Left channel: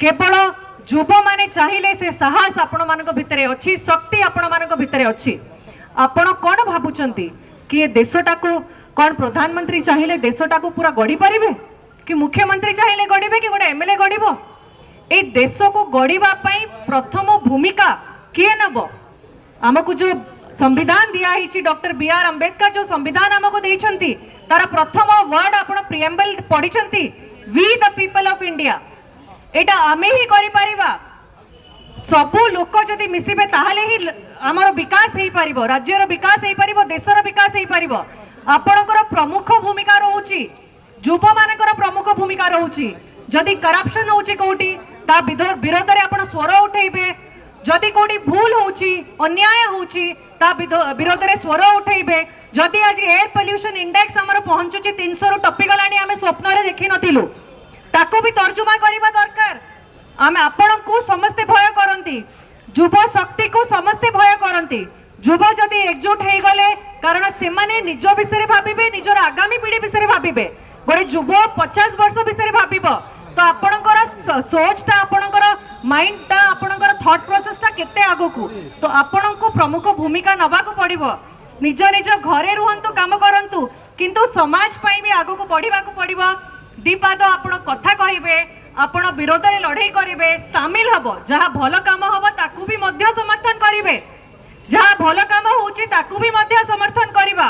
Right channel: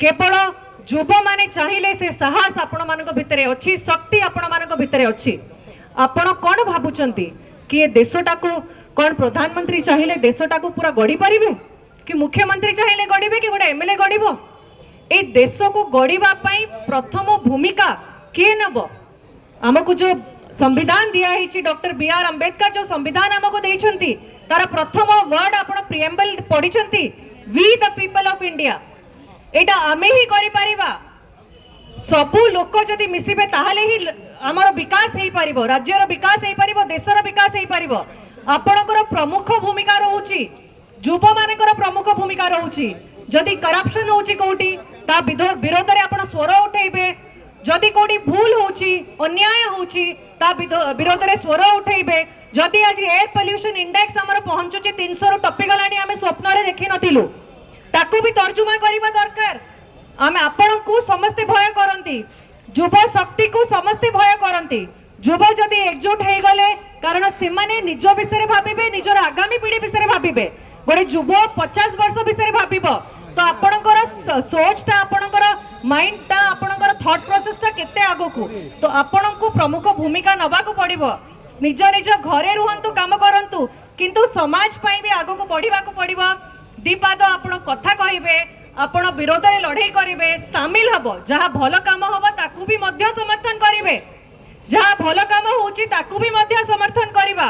केवल युवा माने चाहिए से साहस आपण मान भितर अच्छी शक्ति आपण मान भितर अच्छी आपण कौन भावुंट कि ये देशटा को कौन प्रधानमंत्री चाहिए देशटा को पूरा गढ़ी पारे कि मुख्यमंत्री चाहिए गढ़े कि गोटे एमएलए गढ़ ए देश को गढ़ा प्रथम भूमिका किए नब आमको जो संविधान दिखाई डॉक्टर बी.आर. अम्बेडकर जो संविधान आमको देइछंती तार प्रथम वर्ड आपण प्रिएम्बल पढ़ी we the people of India एटा आमे ही करि परिबा सबु लोक जदि मिसिबे ताहाले ही हमर विकास हेई परिबो राज्यर विकास हेई परिबो देशर विकास हेई परिबो आपणकर प्रमुख भूमिका रहउची युवा मानकर प्रमुख भूमिका रहउची जदि करप्शन होउची कोठी ता विरोध रे आपण स्वर उठेबे जदि कोठी भूल होउची अन्याय होउची ता विरोध रे स्वर उठेबे जदि आज एयर पोल्यूशन इंडेक्स हमर पहुंचुची 300 रु टपी गलानी आमे स्वप्न रे देखि नथिलु ताको भी तर्जुमा करबा दरकार आमे आपण को समस्त भय करंती युवा शक्ति को समस्त भय करंती युवा जदि एकजुट हे गले कारण से माने निज विषय भाबिबे निजर आगामी पीढ़ी विषय भाबिबे गोटे युवा 50 वर्ष विषय भाबिबो तो आपणकर सोचटा आपणकर माइंडटा आपणकर थॉट प्रोसेसटा केते आगो को तो आपण को प्रमुख भूमिका नबा को पड़िबो निज निज घरे रुहंतु काम करंतु किंतु समाज पई भी आगो को बढ़िबा को पड़िबो दीपाद आपण कथा कहिबे आपण विरोध रे लड़ाई करिवे शामिल हबो जहा भल काम हबो ताकू भी मध्य समर्थन करिवे जहा भल काम होउची ताकू भी मध्य समर्थन करिबा।